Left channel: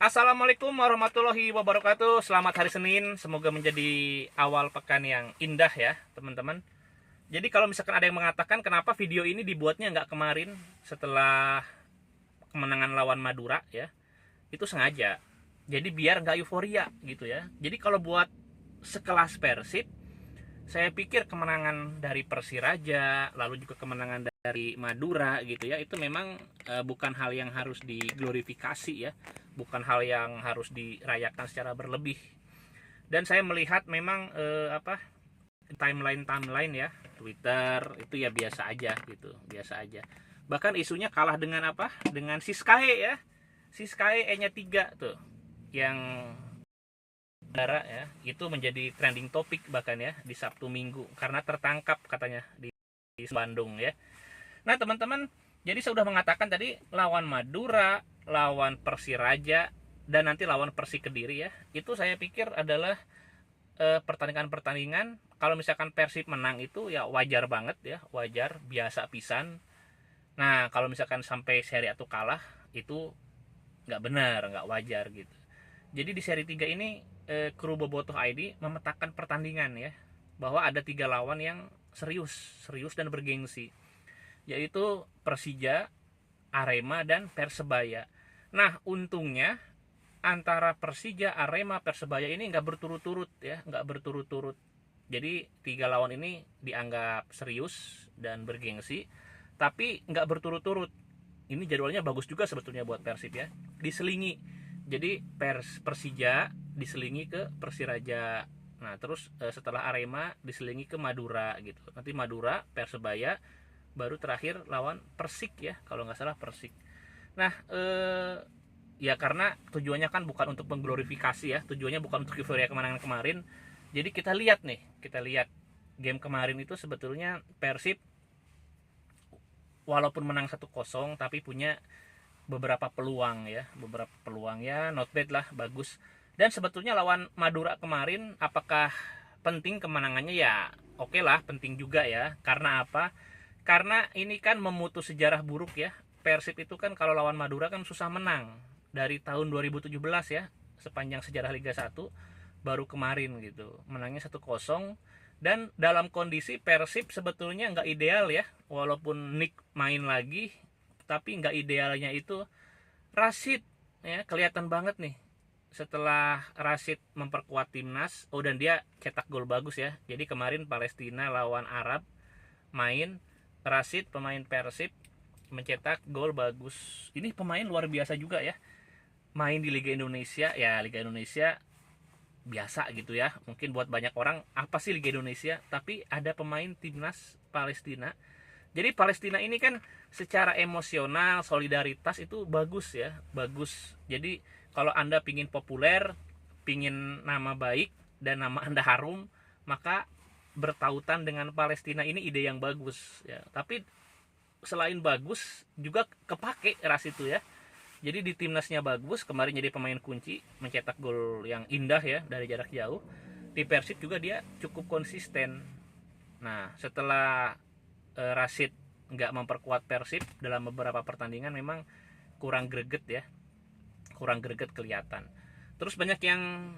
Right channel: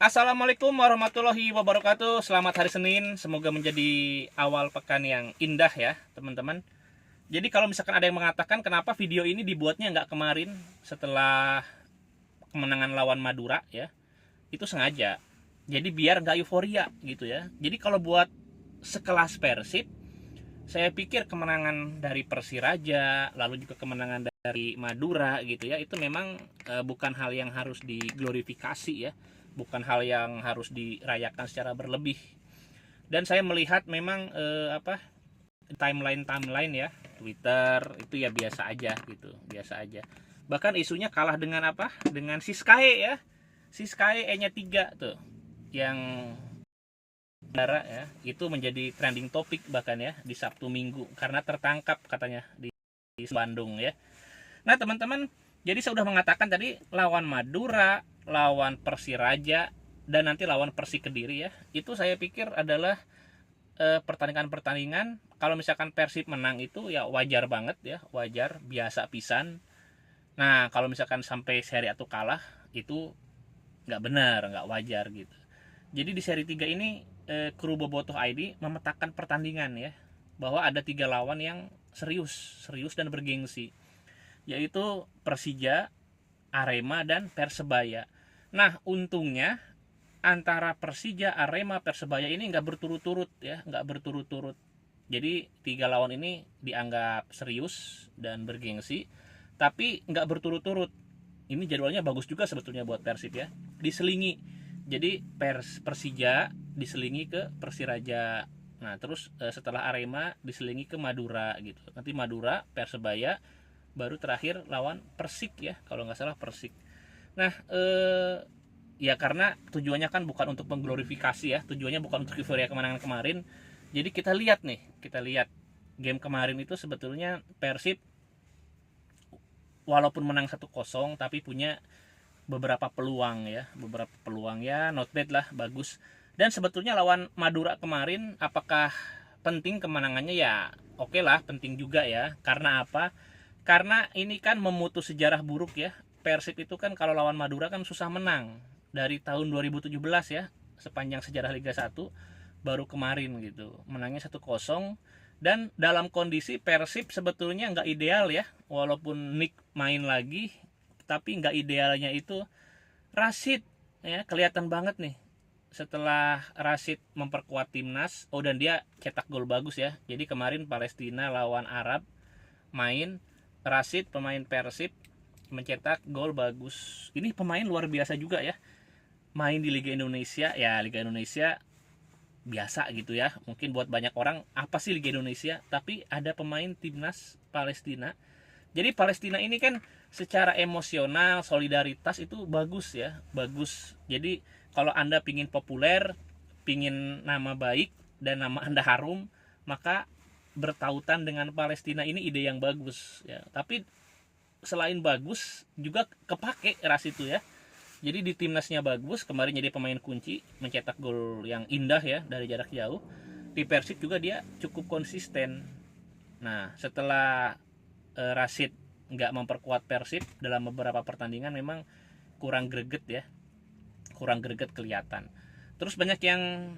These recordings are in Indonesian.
Assalamualaikum warahmatullahi wabarakatuh. Selamat hari Senin. Semoga menjadi awal pekan yang indah ya teman-teman. Jadi kalau misalkan ada yang mengatakan kenapa video ini dibuatnya nggak kemarin setelah kemenangan lawan Madura ya, itu sengaja. Jadi biar nggak euforia gitu ya. Jadi kalau buat sekelas Persib, saya pikir kemenangan dari Persiraja, lalu juga kemenangan dari Madura gitu ya, itu memang bukan hal yang harus diglorifikasi ya, bukan hal yang harus dirayakan secara berlebih. Dan saya melihat memang timeline ya, Twitter itu ya biasa aja gitu, biasa aja. Bahkan isunya kalah dengan apa? Dengan Siskae ya. Siskae E-nya 3 tuh. Yang Dara ya, itu menjadi trending topik bahkan ya di Sabtu Minggu karena tertangkap katanya di Bandung ya. Nah teman-teman, jadi saya sudah mengatakan tadi lawan Madura, lawan Persiraja, dan nanti lawan Persik Kediri ya. Itu saya pikir adalah pertandingan-pertandingan kalau misalkan Persib menang itu ya wajar banget ya, wajar, biasa pisan. Nah kalau misalkan sampai seri atau kalah itu nggak benar, nggak wajar gitu. Jadi di seri 3 ini kru Bobotoh ID memetakan pertandingan ya, bahwa ada 3 lawan yang serius dan bergengsi, yaitu Persija, Arema, dan Persebaya. Nah untungnya antara Persija, Arema, Persebaya ini nggak berturut-turut ya, nggak berturut-turut. Jadi 3 lawan ini dianggap serius dan bergengsi, tapi nggak berturut-turut. Ini jadwalnya bagus juga sebetulnya buat Persib ya, diselingi. Jadi Persija diselingi ke Persiraja. Nah terus setelah Arema diselingi ke Madura gitu. Nanti Madura, Persebaya, baru terakhir lawan Persik ya, kalau nggak salah Persik. Nah ya karena tujuannya kan bukan untuk mengglorifikasi ya, tujuannya bukan untuk euforia kemenangan kemarin. Jadi kita lihat game kemarin itu sebetulnya Persib walaupun menang 1-0 tapi punya beberapa peluang ya, not bad lah, bagus. Dan sebetulnya lawan Madura kemarin apakah penting kemenangannya? Ya oke lah, penting juga ya. Karena apa? Karena ini kan memutus sejarah buruk ya. Persib itu kan kalau lawan Madura kan susah menang dari tahun 2017 ya, sepanjang sejarah Liga 1 baru kemarin gitu menangnya 1-0. Dan dalam kondisi Persib sebetulnya nggak ideal ya, walaupun Nick main lagi, tapi nggak idealnya itu Rashid ya, kelihatan banget nih setelah Rashid memperkuat timnas. Oh, dan dia cetak gol bagus ya. Jadi kemarin Palestina lawan Arab main, Rashid pemain Persib mencetak gol bagus. Ini pemain luar biasa juga ya, main di Liga Indonesia ya. Liga Indonesia biasa gitu ya, mungkin buat banyak orang apa sih Liga Indonesia, tapi ada pemain timnas Palestina. Jadi Palestina ini kan secara emosional, solidaritas itu bagus ya, bagus. Jadi kalau Anda pingin populer, pingin nama baik dan nama Anda harum, maka bertautan dengan Palestina ini ide yang bagus ya. Tapi selain bagus juga kepake ras itu ya. Jadi di timnasnya bagus, kemarin jadi pemain kunci, mencetak gol yang indah ya dari jarak jauh. Di Persib juga dia cukup konsisten. Nah setelah Rashid nggak memperkuat Persib dalam beberapa pertandingan, memang kurang greget ya, kurang greget kelihatan. Terus banyak yang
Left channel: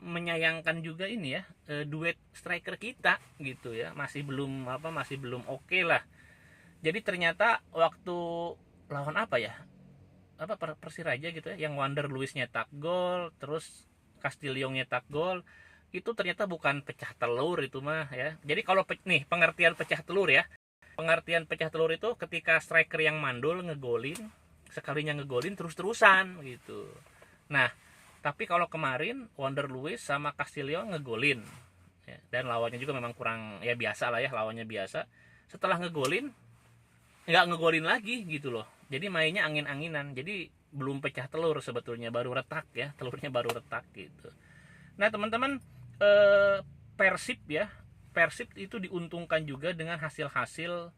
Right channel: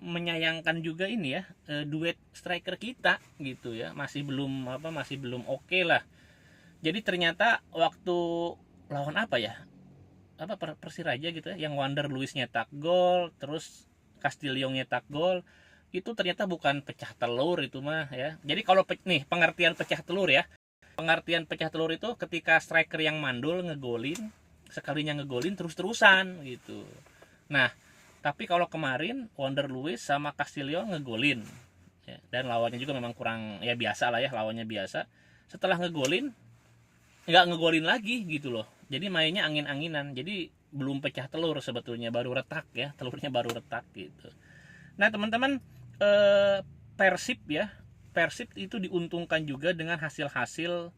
menyayangkan juga ini ya, duet striker kita gitu ya, masih belum oke lah. Jadi ternyata waktu lawan Persiraja gitu ya, yang Wander Luiz nyetak gol, terus Castillo nyetak gol, itu ternyata bukan pecah telur itu mah ya. Jadi kalau nih pengertian pecah telur ya, pengertian pecah telur itu ketika striker yang mandul ngegolin, sekalinya ngegolin terus-terusan gitu. Nah tapi kalau kemarin Wander Luiz sama Castillo ngegolin ya, dan lawannya juga memang kurang ya, biasa lah ya, lawannya biasa. Setelah ngegolin nggak ngegolin lagi gitu loh, jadi mainnya angin-anginan. Jadi belum pecah telur sebetulnya, baru retak ya, telurnya baru retak gitu. Nah teman-teman, Persib ya, Persib itu diuntungkan juga dengan hasil-hasil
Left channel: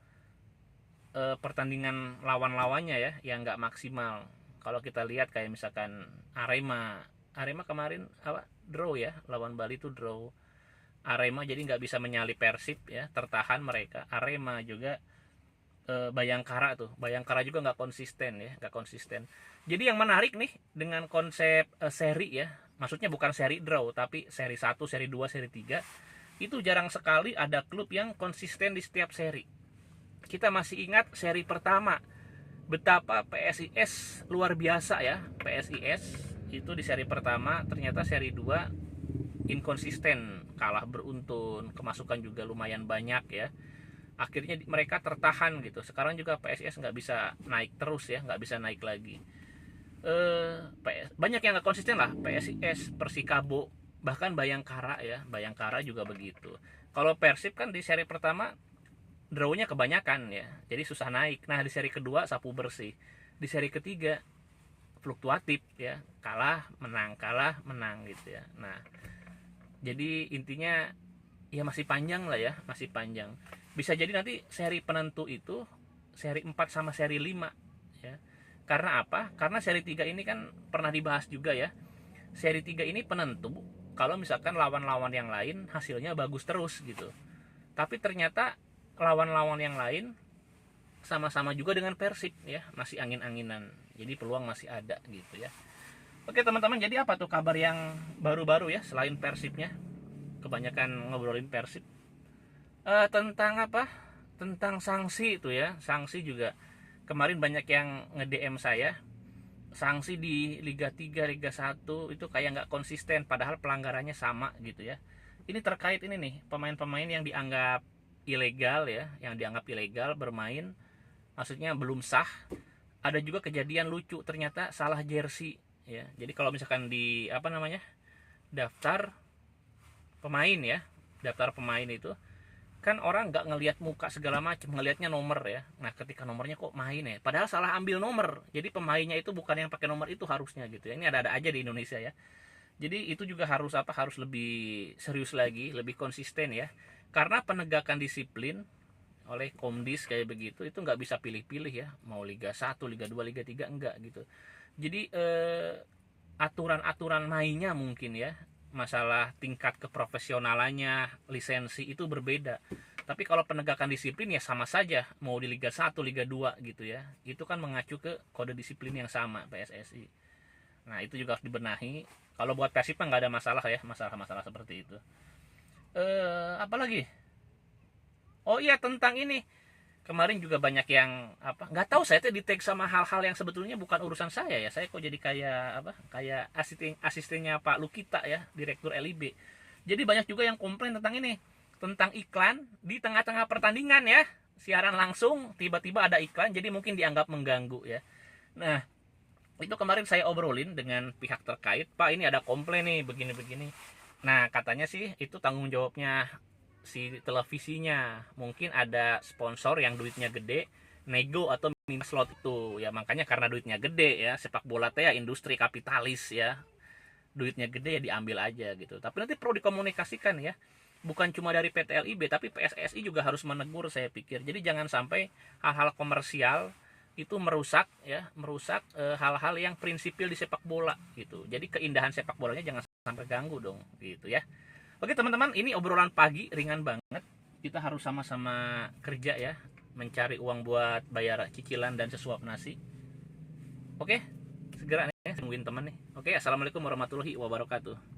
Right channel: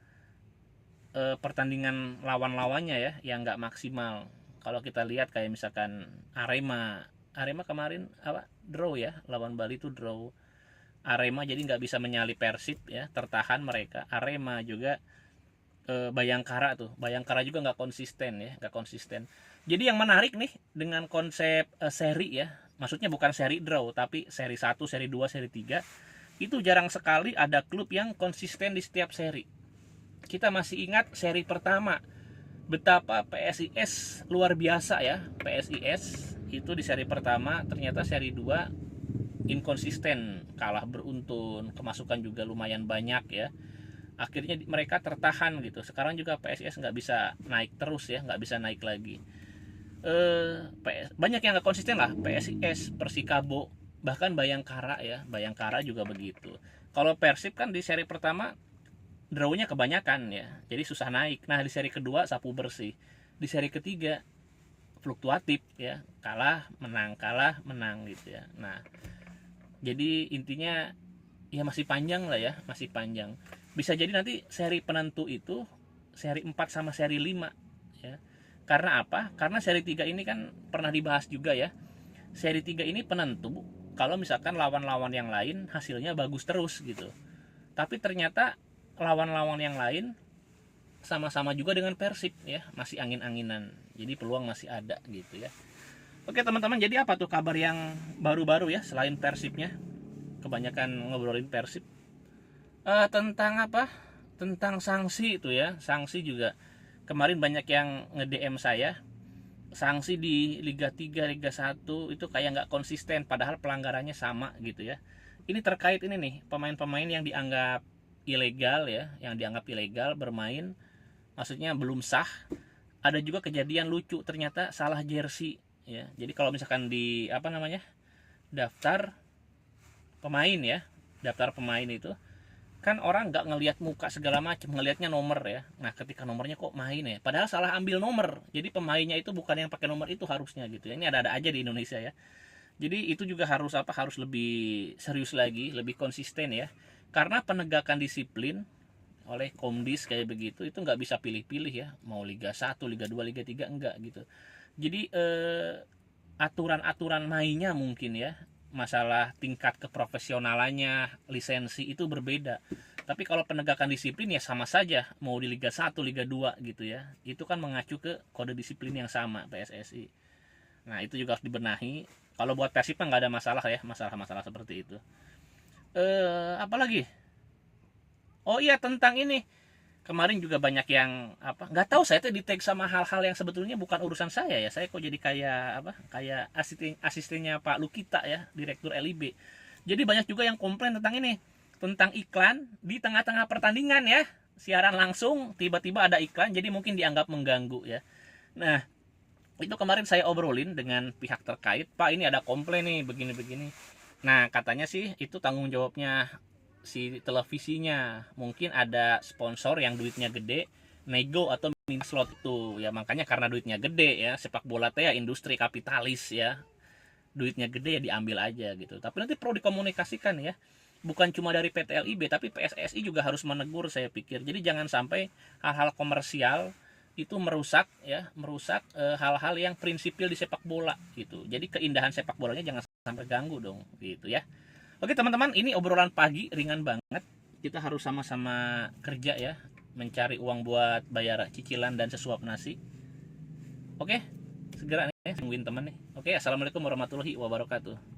pertandingan lawan-lawannya ya, yang nggak maksimal. Kalau kita lihat kayak misalkan Arema kemarin draw ya, lawan Bali itu draw. Arema jadi nggak bisa menyalip Persib ya, tertahan mereka. Arema juga Bayangkara tuh. Bayangkara juga nggak konsisten ya, nggak konsisten. Jadi yang menarik nih dengan konsep seri ya, maksudnya bukan seri draw tapi seri 1, seri 2, seri 3, itu jarang sekali ada klub yang konsisten di setiap seri. Kita masih ingat seri pertama betapa PSIS luar biasa ya. PSIS itu di seri pertama, ternyata seri 2 inkonsisten, kalah beruntun, kemasukan juga lumayan banyak ya. Akhirnya mereka tertahan gitu. Sekarang juga PSIS nggak bisa naik terus ya, nggak bisa naik lagi. Banyak yang nggak konsisten lah. PSIS, Persikabo, bahkan Bayangkara ya. Bayangkara juga begitu. Kalau Persib kan di seri pertama drawnya kebanyakan ya, jadi susah naik. Nah di seri kedua sapu bersih, di seri ketiga fluktuatif ya, kalah menang gitu ya. Nah jadi intinya ya masih panjang lah ya, masih panjang. Bisa jadi nanti seri penentu itu seri 4 sama seri 5 ya. Karena apa? Karena seri 3 ini kan pernah dibahas juga ya. Seri 3 ini penentu kalau misalkan lawan-lawan yang lain hasilnya bagus terus gitu. Tapi ternyata lawan-lawan yang lain sama-sama juga dengan Persib ya, masih angin-anginan. Jadi peluang masih ada gitu ya. Oke teman-teman, jadi apa tuh kabar yang baru-baru ya selain Persibnya? Kebanyakan ngobrolin Persib. Tentang apa? Tentang sanksi itu ya. Sanksi juga kemarin banyak yang nge-DM saya. Sanksi di Liga 3, Liga 1 itu kayak nggak konsisten padahal pelanggarannya sama gitu ya. Ini terkait ini nih, pemain-pemain yang dianggap ilegal ya, yang dianggap ilegal bermain, maksudnya belum sah. Ada juga kejadian lucu, ternyata salah jersey ya. Jadi kalau misalkan di apa namanya, daftar pemain ya, daftar pemain itu kan orang nggak ngelihat muka segala macam, ngelihatnya nomor ya. Nah ketika nomornya kok main ya, padahal salah ambil nomor. Jadi pemainnya itu bukan yang pakai nomor itu harusnya gitu ya. Ini ada-ada aja di Indonesia ya. Jadi itu juga harus apa, harus lebih serius lagi, lebih konsisten ya. Karena penegakan disiplin oleh Komdis kayak begitu itu nggak bisa pilih-pilih ya, mau Liga 1, Liga 2, Liga 3 enggak gitu. Jadi aturan-aturan mainnya mungkin ya, masalah tingkat keprofesionalannya, lisensi itu berbeda. Tapi kalau penegakan disiplin ya sama saja, mau di Liga 1, Liga 2 gitu ya. Itu kan mengacu ke kode disiplin yang sama PSSI. Nah itu juga harus dibenahi. Kalau buat Persib kan nggak ada masalah ya, masalah-masalah seperti itu. Apalagi? Oh iya tentang ini. Kemarin juga banyak yang apa? Nggak tahu, saya tuh di tag sama hal-hal yang sebetulnya bukan urusan saya ya. Saya kok jadi kayak apa? Kayak asistennya Pak Lukita ya, Direktur LIB. Jadi banyak juga yang komplain tentang ini, tentang iklan di tengah-tengah pertandingan ya. Siaran langsung tiba-tiba ada iklan, jadi mungkin dianggap mengganggu ya. Nah, itu kemarin saya obrolin dengan pihak terkait, Pak ini ada komplain nih begini-begini. Nah katanya sih itu tanggung jawabnya si televisinya, mungkin ada sponsor yang duitnya gede nego atau minta slot itu ya, makanya karena duitnya gede ya, sepak bola teh ya industri kapitalis ya, duitnya gede ya diambil aja gitu. Tapi nanti perlu dikomunikasikan ya, bukan cuma dari PT LIB tapi PSSI juga harus menegur saya pikir. Jadi jangan sampai hal-hal komersial itu merusak ya, merusak hal-hal yang prinsipil di sepak bola gitu. Jadi keindahan sepak bolanya jangan sampai ganggu dong gitu ya. Oke teman-teman, ini obrolan pagi ringan banget. Kita harus sama-sama kerja ya, mencari uang buat bayar cicilan dan sesuap nasi. Oke, segera nih tungguin teman nih. Oke, assalamualaikum warahmatullahi wabarakatuh.